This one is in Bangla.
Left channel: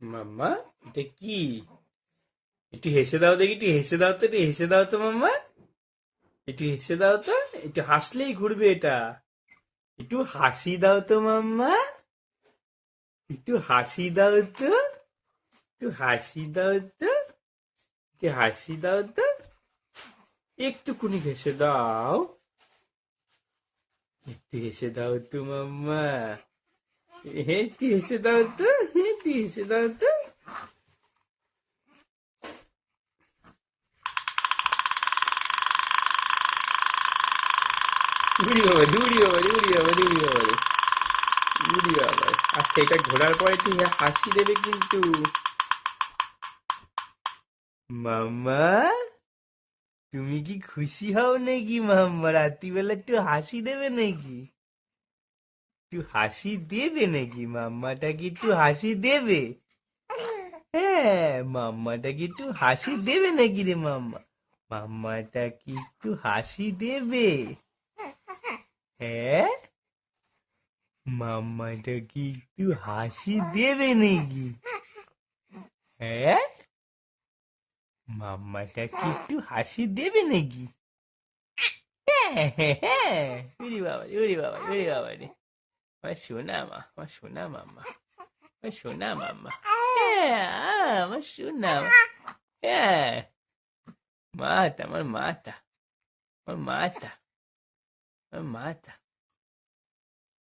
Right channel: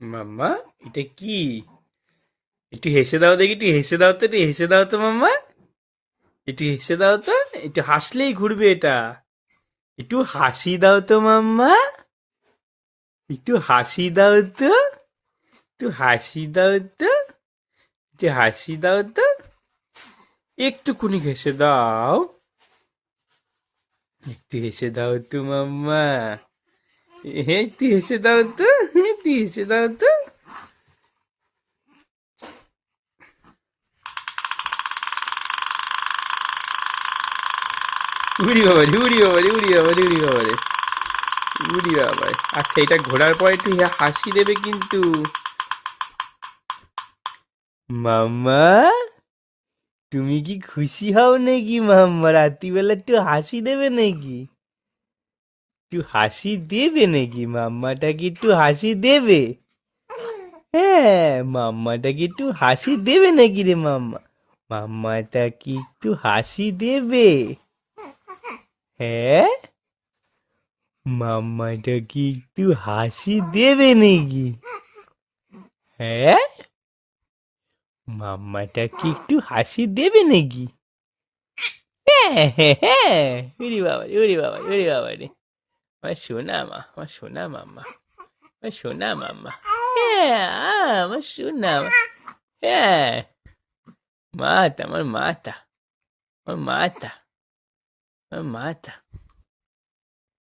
মাম্মা, এটা কি? একটু হেসে দাও দেখি, একটু হেসে দাও তো, একটু হেসে দাও তো মাম্মা। একটু হেসে দাও তো, একটু হাসলেই ঘুরবে এটা। একটু হাসি দাও তো মাম্মা। একটু হাসি দাও তো, একটু হাসি দাও তো, একটু হাসি দাও তো। একটুকুনি হেসে দাও। একটু হেসে দাও তো মাম্মা। একটু হেসে দাও তো, একটু হেসে দাও তো। উড়ি বাবারে, উড়ি বাবারে, উড়ি বাবারে, উড়ি বাবারে, উড়ি বাবারে। আচ্ছা, এটা ঘোরার পর একটু হাসি দেবে কিন্তু। মাম্মা, তুমি কি খুশি হও নাকি মাম্মা? রাত্রিবেলা একটু হাসি দেবে নাকি? একটু হাসি দেবে নাকি? মাম্মাটা কি একটু হাসি দেবে? হ্যাঁ, মাম্মাটা কি একটু হাসি দেবে নাকি রে মাম্মা? মাম্মাটা কি একটু হাসি দেবে? হ্যাঁ, মাম্মাটা কি একটু হাসি দেবে নাকি? হ্যাঁ, মাম্মাটা কি একটু হাসি দেবে নাকি? হ্যাঁ, হ্যাঁ, হ্যাঁ। উরি বাবা, উরি বাবা, উরি বাবা রে। আমার সোনা মা, আমার সোনা মাম্মা, আমার সোনা মাম্মা। হ্যাঁ, আমার সোনা হ্যাঁ, মাতা, আমার মাতা, আমার মাতা, আমার মাতা।